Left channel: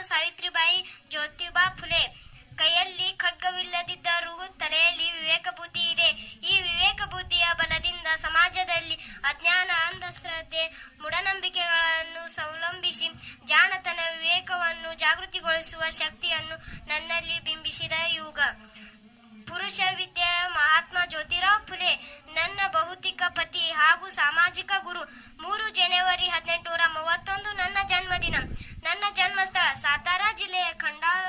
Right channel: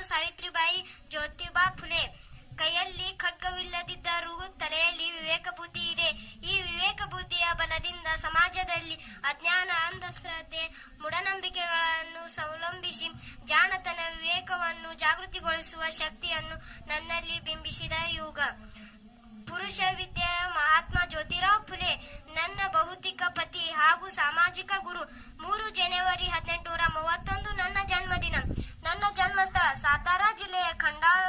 ನಾನು ಸಾವಿತ್ರಿಬಾಯಿ ಜ್ಯೋತಿಬಾ ಫುಲೆ. ಕೈಯಲ್ಲಿ ಖಡ್ಗವಿಲ್ಲದಿದ್ದರೂ ತಲೆಯಲ್ಲಿ ವಿವೇಕ ಬುದ್ಧಿ ಇದೆ. ಈ ವಿವೇಕ ಬುದ್ಧಿಯ ಬಲದಿಂದ ಸಮಾಜದಲ್ಲಿ ಅಜ್ಞಾನ, ಅಂಧಶ್ರದ್ಧೆ, ಮೂಢನಂಬಿಕೆಗಳನ್ನು ಸಂಲಂಬಿಸಿ ಜಾಣತನ ವಿವೇಕವನ್ನು ಜಾಗೃತಿಗೊಳಿಸುವ ಶಕ್ತಿಯನ್ನು ನನ್ನಲ್ಲಿ ಬಿಂಬಿಸಿದ ಯುಗ. ಪುರುಷ ವಿದ್ಯೆ, ಮಹಾತ್ಮ ಜ್ಯೋತಿರಾವ್ ಫುಲೆ, ನನ್ನ ಭೌತಿಕ ಪತಿ ಹಾಗೂ ಸಾಮಾಜಿಕ ಗುರು. ಮೂರು ಜನವರಿ ಹದಿನೆಂಟುನೂರ ಮೂವತ್ತೊಂದು ನನ್ನ ಜನ್ಮದಿನ ನನ್ನ ಜನ್ಮಸ್ಥಳ ಸಾತಾರ ಜಿಲ್ಲೆಯ ಖಂಡಾಳ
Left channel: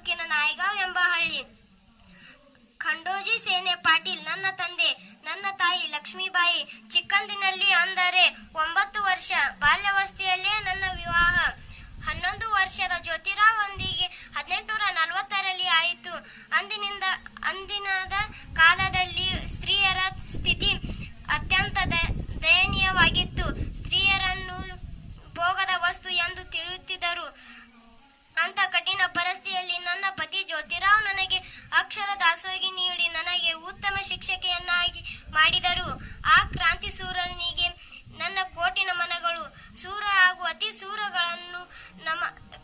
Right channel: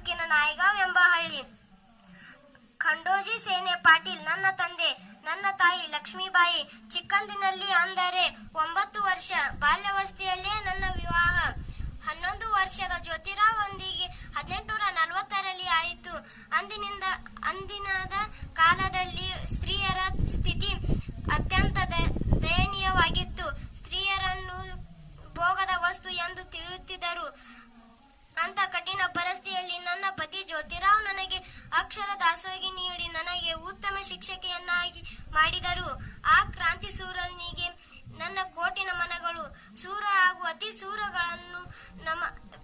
ತಾಲೂಕಿನ ನಾಯಗಾಂವ್ ಎಂಬ ಹಳ್ಳಿ. ಖಂಡೋಜಿ ಸೇನೆ ಪಾಟೀಲ್, ನನ್ನ ತಂದೆ, ನನ್ನ ತಾಯಿ ಲಕ್ಷ್ಮೀಬಾಯಿ ಚಿಕ್ಕಂದಿನಲ್ಲಿ ಅಂದರೆ ಒಂಬತ್ತು ವರ್ಷ. ಬಾಲ್ಯಾವಸ್ಥೆಯಲ್ಲೇ ನನ್ನ ವಿವಾಹ. ಹನ್ನೊಂದು ವರ್ಷದ ಜ್ಯೋತಿರಾವ್ ಒಂದಿಗೆ ಹದಿನೆಂಟುನೂರ ನಲವತ್ತರಲ್ಲಿ ಆಯಿತು. ಅಂದಿನಿಂದ, ಅಂದಿನದ ಕಾಲದಲ್ಲಿ ಅಂತ ಕಠಿಣ ಪರಿಸ್ಥಿತಿಯಲ್ಲಿ ನನ್ನ ಪತಿ ಜ್ಯೋತಿರಾವ್ ನನಗೆ ಅಕ್ಷರ ದಾಸೋಗಿ ನೀಡಿ ನನಗೆ ಉತ್ತಮ ಶಿಕ್ಷಕಿಯನ್ನಾಗಿ ಮಾಡಿದರು. ಆ ಕ್ರಾಂತಿ ಸೂರನಿಗೆ ನನ್ನ ಕೋಟಿ ನಮನಗಳು. ಸೂರ ಹಾಗೂ ಅತಿ ಸೂರಗಳನ್ನು ನಮ್ಮ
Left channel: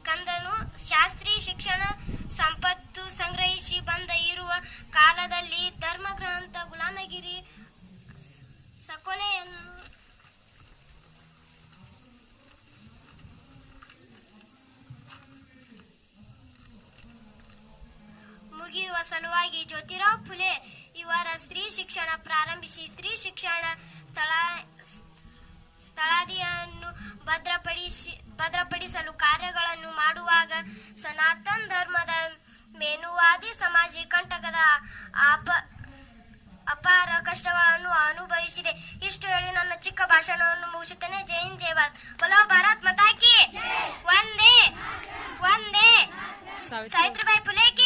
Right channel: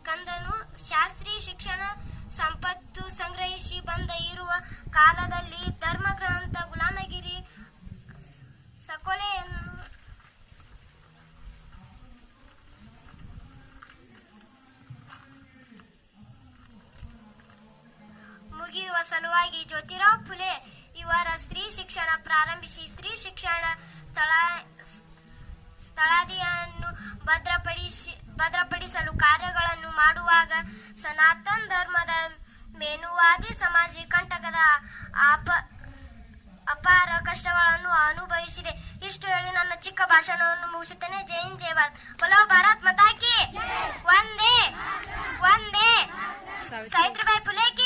ಕಂದನು ಶಾಸ್ತ್ರೀಯ ಶಿಕ್ಷಣ ಸಂಪತ್ತು ಸಂಗ್ರಹಿಸಿ ಬಂದ ಇರುವ ಕಾಲದಲ್ಲಿ ಮುಗಿಯುವ ಸಲುವಾಗಿ ಜ್ಯೋತಿರಾವ್ ಫುಲೆ ಇವರ ಸ್ತ್ರೀ ಶಿಕ್ಷಣ ಪ್ರಾರಂಭಿಸಿ ಸ್ತ್ರೀ ಶಿಕ್ಷಣ ಸ್ಥಳ ಸ್ಥಳಾದಿಯನ್ನು ಭದ್ರಪಡಿಸಿ ಭದ್ರಪಡಿಸಲು ಕಾರ್ಯಗಳನ್ನು ಮಾಡುವಾಗ ಸನಾತನ ಧರ್ಮದ ಮೇನುವಾದಿ ಸಮಾಜ ಕಂಟಕದ ಅಪ ಅಪಾರ ಕಷ್ಟಗಳನ್ನು ಅನುಭವಿಸಿದೆ. ಇಷ್ಟು ಹೇಳಿ ನನ್ನ ಚಿಕ್ಕ ಭಾಷಣವನ್ನು ಮುಗಿಸುತ್ತೇನೆ. ಜೈನ್ ಹಿಂದ್ ಜೈ ಭಾರತ್. ಮತಾಕಿ. ಒಂದೇ ಒಂದೇ ಸಾವಿತ್ರಿಬಾಯಿ ಫುಲೆ ಕಿ ಸಾವಿತ್ರಿ